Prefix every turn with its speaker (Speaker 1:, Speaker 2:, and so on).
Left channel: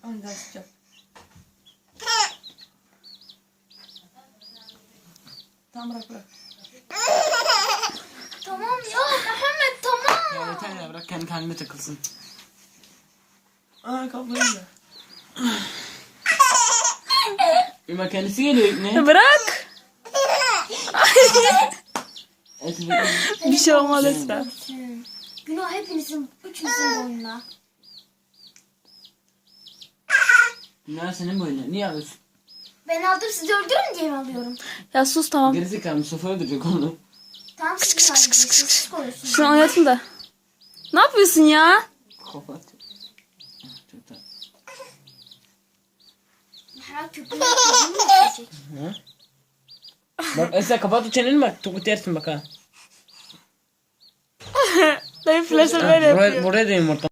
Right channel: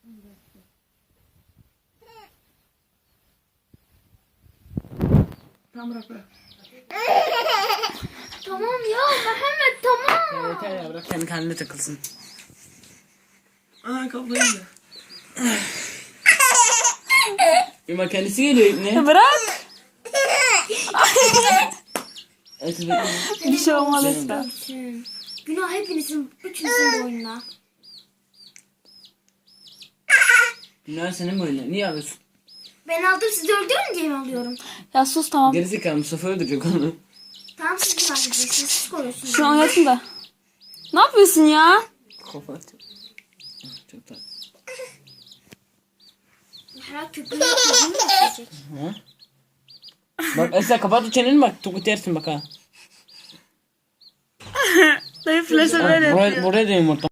Speaker 1: Önden çıkacağım. Tamam bırak.
Speaker 2: Tamam ya Muhammed tamam.
Speaker 3: Ya yeter ya, bırak kendi kendine takılsın.
Speaker 1: Aa kaplayınca.
Speaker 3: Bak kendisi geliyor ne?
Speaker 4: Bırak.
Speaker 3: Evet, bekle.
Speaker 4: Bir şey olmaz lütfen.
Speaker 2: Günah hepinizin, üçünüzün boynuna.
Speaker 3: Günah senin boyuna. Niye alıyorsun?
Speaker 2: Ben aldım sizi öldürün diye mi alıyorum?
Speaker 4: Ya sus tamam.
Speaker 3: Gerizekalı Mustafa öldürecek onu.
Speaker 2: Tamam siz kaybediyorsunuz. Siz koyuyorsunuz.
Speaker 4: Şu an oynatın da. Ne yapıyorsun ya?
Speaker 3: Kapat. Çok tatlı.
Speaker 2: Herhalde köpüğünü mu düşecek?
Speaker 3: Bak Esra kapat o çeneni bak. Çok yersin bak ha.
Speaker 4: Dayı flash'ı böyle yapıyor.
Speaker 3: Buraya da yumurta.